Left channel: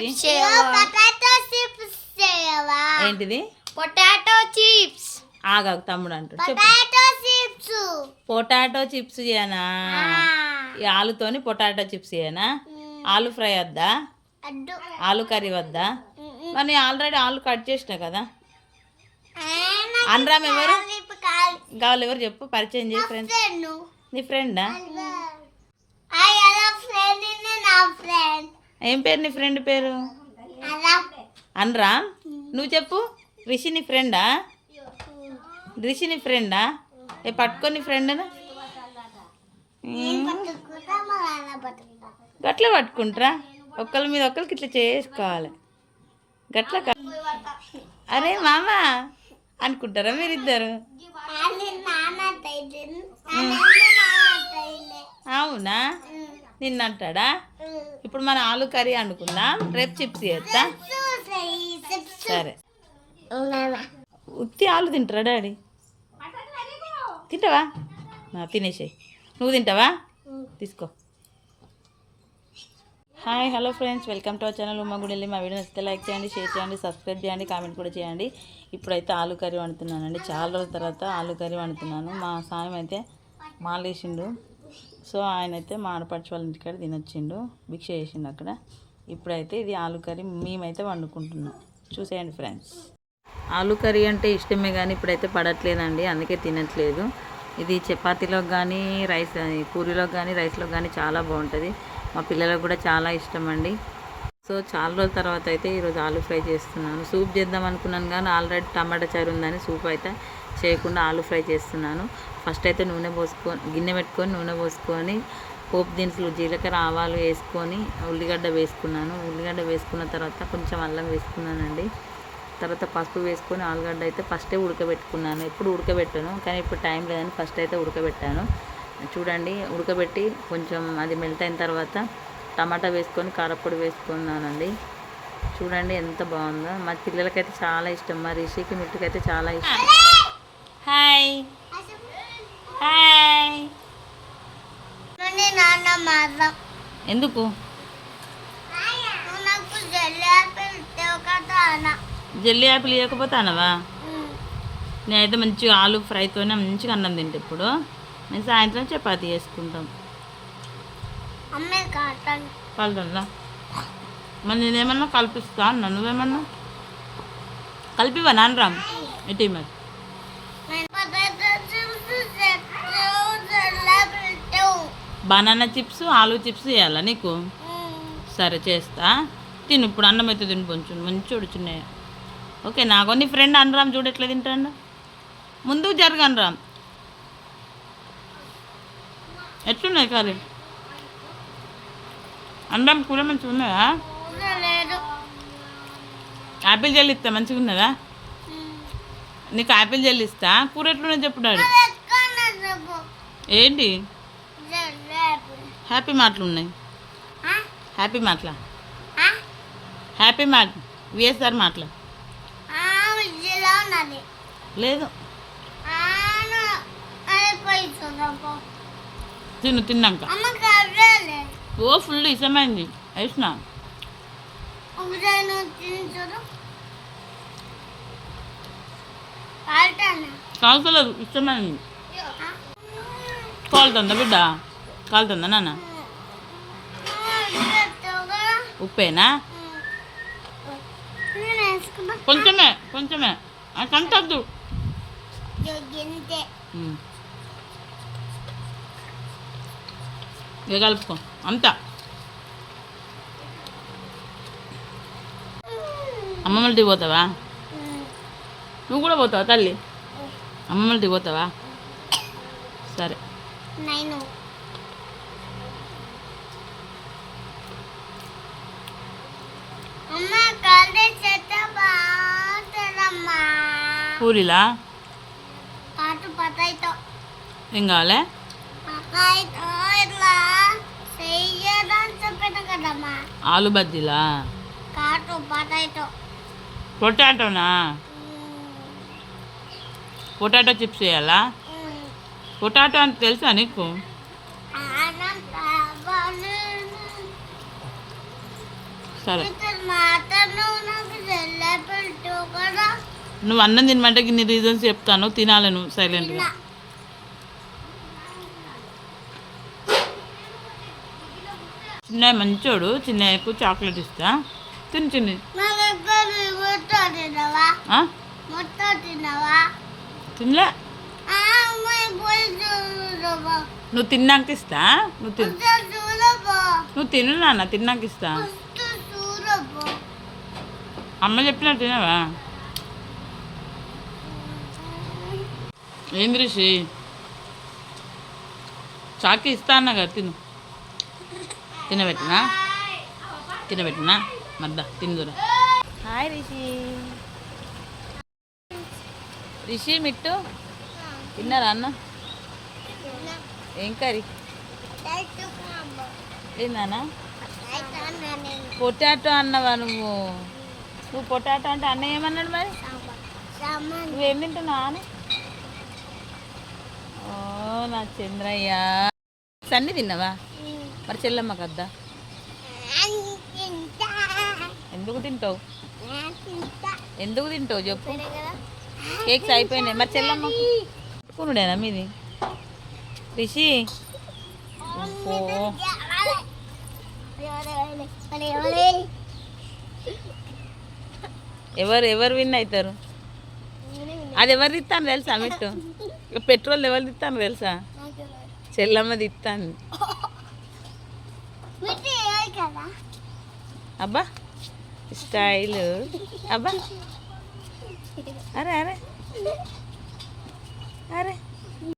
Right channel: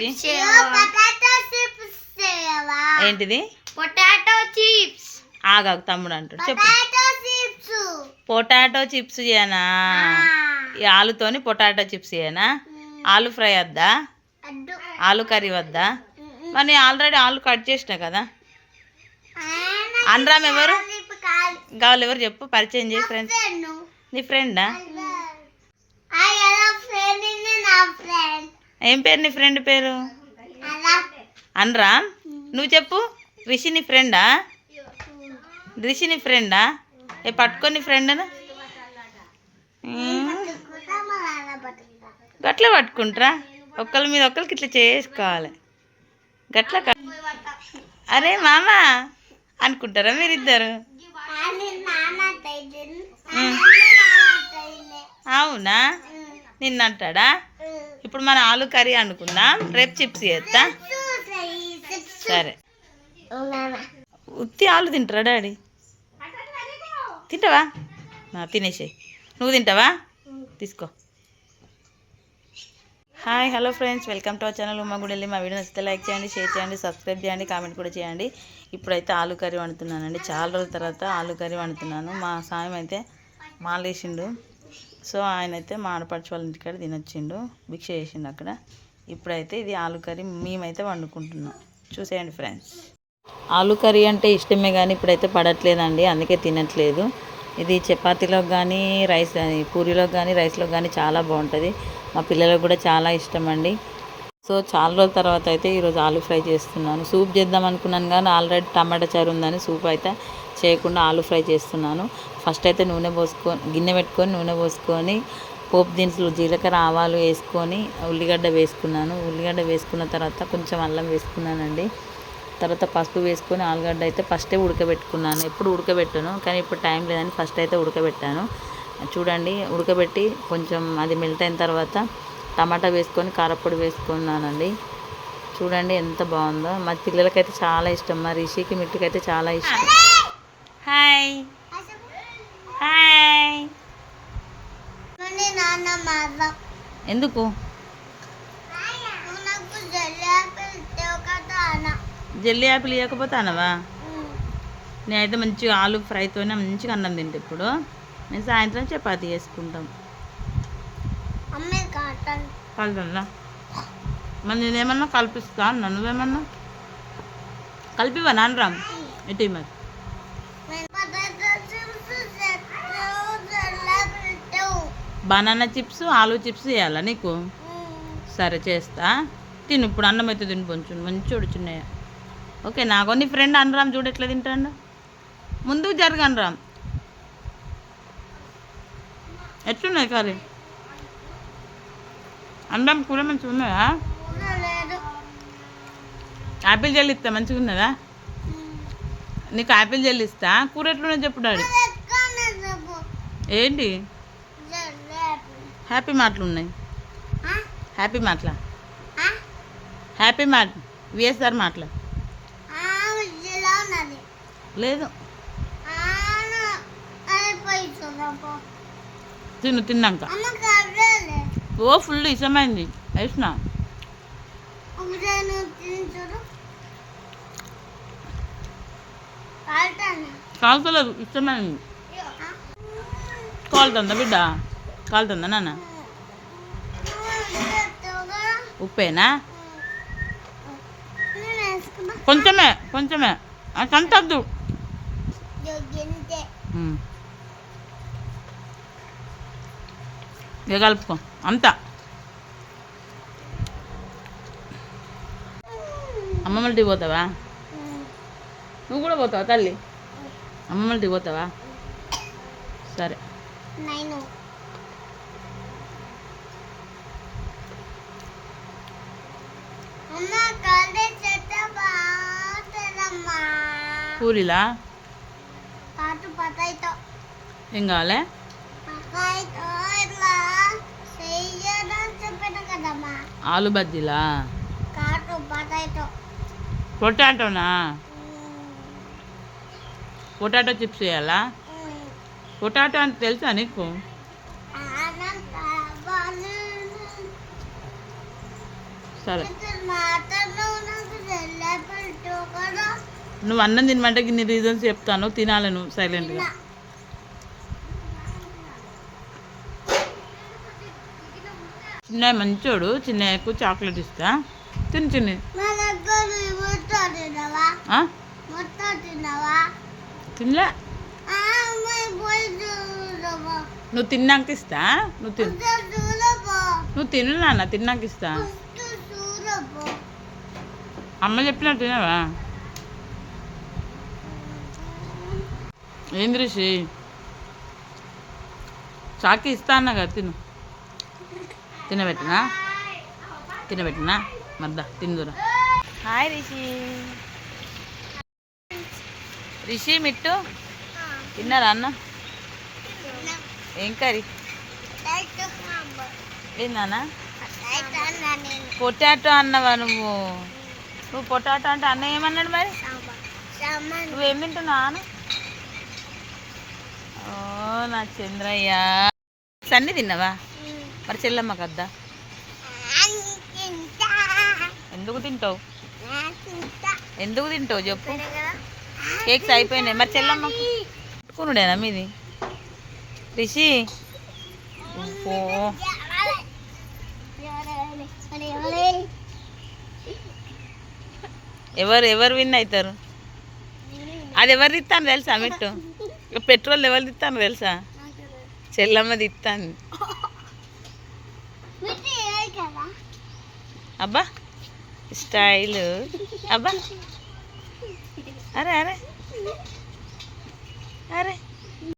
Chips potato chips చేయవా ఏంటిది? Potato chips. ఆగాగు తమ్ముడు అంటాడు. చెప్పు. Potato chips. పొటాటో చిప్స్ చేయనా? ఈ ఆలుతోని పొటాటో చిప్స్ చేయనా? ఆలు ఫ్రై వద్దా? ఆలు కర్రీ వద్దా? మరి ఆల్రెడీ ఆలు కట్ చేసిన కదా. అనరామ్ ఎవరు? కావాలి ఎవరు చెప్పు పరిచయం చేయి ఫ్రెండ్స్ నా ఫ్రెండ్ ఏం పేరు నీ ఫ్రెండ్ పేరు? అనరామ్ నువ్వు చెప్పు. రిషి నీ ఫ్రెండా? రిషి నీ ఫ్రెండా? ఏ పట్టుకొని నీ ఫ్రెండ్ను. గట్ల పట్టుకుంటారా? ఒక్కరి మీద ఒక్కరికి ఇట్లా చేసుకోవాలి. గట్ల క- అరే మామ. అనుకుంటారా మీరిద్దరు? అవునా? నిన్న అంటాడా ఇప్పుడు మన ఆలు కర్రీ అనుకుందాం. రేపు చిప్స్ చేస్తా. సరే. ఉత్తి ఆలు తింటారా డాడీ? తింటావా? నా నువ్వు తింటావా? తీసుకో. Hi hello friends welcome to our channel ఉమ్మ గుడి మా వీడియో నచ్చితే లైక్ చేయండి షేర్ చేయండి సబ్స్క్రైబ్ చేయండి కామెంట్ కూడా చేయండి. ఇప్పుడైతే ఆలు కర్రీ వండుతున్నానండి. చాలా రోజుల తర్వాత ఆలు కర్రీ వండుతున్నాను. మా సాయం అయితే మాలేసిండు. సో ఆయన అయితే మా ఆడపడుచు వాళ్ళ ఇంటికాడ తినొచ్చిండు. భిక్ష చేసిండు అక్కడ. ఇప్పుడైతే ఇది ఆలు కర్రీ మేమైతే వండుకుంటున్నాం. చూసేయండి ఫ్రెండ్స్. ఆలు కర్రీ అంటే ఇష్టమే కానీ ఇప్పుడైతే పడట్లేదండి. అందుకే తినట్లేదు. ఇది చపాతీలోకి కానీ రైస్ పూరీలోకి కానీ రైస్లోకి కానీ చాలా బాగుంటుంది. మా పిల్లలకు కూడా చాలా ఇష్టం అండి. సో చాలా రోజుల తర్వాత అయితే ఈరోజు ఆలు ఫ్రై చేస్తున్నాను. సూప్ చేద్దాం అనుకున్నాను కానీ ఆల్రెడీ టమాటా చారు ఉందని సూప్ అయితే చేయకుండా ఆలు ఫ్రై చేస్తున్నాను. ఫస్ట్ అయితే నూనె పోసుకొని గిన్నె పెట్టుకొని నూనె పోసుకొని పోపు దినుసులు జీలకర్ర ఆవాలు వేసుకొని ఉల్లిగడ్డ వేసుకున్నాను. ఉల్లిగడ్డ వేసుకున్న తర్వాత కొంచెం అల్లం వేసుకున్నానండి. తర్వాత పసుపు వేసుకొని ఆలుగడ్డ అయితే ఫస్టే ఉడకబెట్టుకున్నాను. ఎప్పుడు ఉడకబెట్టాను కానీ ఇప్పుడు టైం లేదని ఫస్ట్ అయితే ఉడకబెట్టాను. చూడండి ఉడకబెట్టి కొంచెం అది మెల్ట్ అయిన తర్వాత టమాటా వేసుకొని కారపొడి వేసుకున్నానండి. చూడండి ఎంత బాగుందో. మా పిల్లలకైతే చాలా ఇష్టం మా రిషికి మిట్టుకైతే చాలా ఇష్టం. హాయ్ హాయ్ ఎందుకు? జెల్లీ యాపిల్ ఇవ్వకపోతే అనవా? నేనైతే మంచిగా ఆలు ఫ్రైతోనే మంచిగా అన్నం తింటే ఇప్పుడు. మేము సాయంత్రం చపాతీ చేసుకుంటాం. కలుతుందా మరి నేనేమన్నా కల్పిస్తా అన్నా? నువ్వేమన్నా? కలిపివా నాన్నరామ్ ఇటీ మరి పొటాటో చిప్స్ చెప్తావు జల్లాపిల్ బనానా చిప్స్ ఆలు చిప్స్ చేయాలా నీకు? సరే చేస్తా. తిను ఇప్పుడు అన్నం అయితే తిని కొంచెం. మంచి ఉడుచున్నాయి ఓకే నాకు నీ ఫ్రెండ్ అనరామ్ చూడు ఎట్లా తింటాడు? ముందుకు జరగ అనరామ్. ఎట్లున్నాయి కర్రీ? అనరామ్ కూర మంచిగా ఉన్నదా? యాపిల్ జెల్ ఇస్తా మంచిగా ఉన్నదా? నీకు యాపిల్ జెల్ ఇస్తా. కూర ఎట్లున్నది చెప్పు డాడీ. ఏంటి? హ్యాపీ మాటలు ఉన్నాయి. హ్యాపీ మాటలా? హ్యాపీ మాట విఎస్ఆర్ మాటలు? లేదు. తిను తిన్నాక. ఓ ఫుల్ ఇష్టమైంది వేసిన కాల్తలేదు ఇష్టమైంది కాలుతుందా బిడ్డ? కాలుతుందా నాన్న? ఉప్పేనా? కొంచెమే కొంచెమే. అది అంతద్దు ఇక కలుపుకో. అంతా. అమ్మమ్మల పోతావా? నువ్వు కూడా పోతావా తల్లి? అమ్మమ్మల పోతావా? సరే నేను అమ్మ కాలే చెత్త బాగుంటుందమ్మా పూరిలా? ఏం కావాలి? ఆలు బజ్జీలా? పొటాటోనా? పొటాటో చిప్స్ చేయాలా? పొటాటో అని తెలుసా నీకు? సరే. నువ్వు అన్నం తినమంటే ఇన్ని రీజన్స్ చెప్తాను. తినాలి నువ్వు సైలెంట్గా చిన్న మంచోడు చిన్నయ్యకు చాక్లెట్ ఇస్తా. తిని చిన్ని తినలే? నువ్వు తిన్నాక ఇస్తా. నువ్వు తిను. నువ్వు తిను నాన్న తిన్నాక ఇస్తా. అమ్మ చెప్పినట్టు తినవా? ఏం ఋషి చాకి ఇస్తా అన్నా కదా తిను. తినబెట్టినా? తినబెట్టినా? మద్దా తిందురా హాయ్ రిషి. రిషి మిట్టు? తిన్నారా అన్న? ఏం కర్రీ? ఏందన్నా పొటాటో అన్నవా నువ్వు? నువ్వు పొటాటో అంటే అన్న ఏమన్నాడు మరి? నువ్వేం తింటున్నావు అన్న? ఓ నా చంద్రయ్య. సన్ని తిన్నావా? మరి చెల్లమ్మకి వద్దా ఎందుకు తింటావు? ఎందుకు తింటావు చెప్పు. కేక్స్ అయిపోయినాయి. మరి చెల్లమ్మకు కొనుడేనా మీది? రిషి? ఓ ఎవరు ఎవరు విన్ అవుతారు? అది ఎవరు తిత్తాను తెలుసా మెట్టు? పెట్రోల్ ఎవరు తిత్తాను తెలుసా? చెల్లమ్మ తిత్తాను అబ్బా స్టైల్. అబ్బా. అరే అరే. అరే.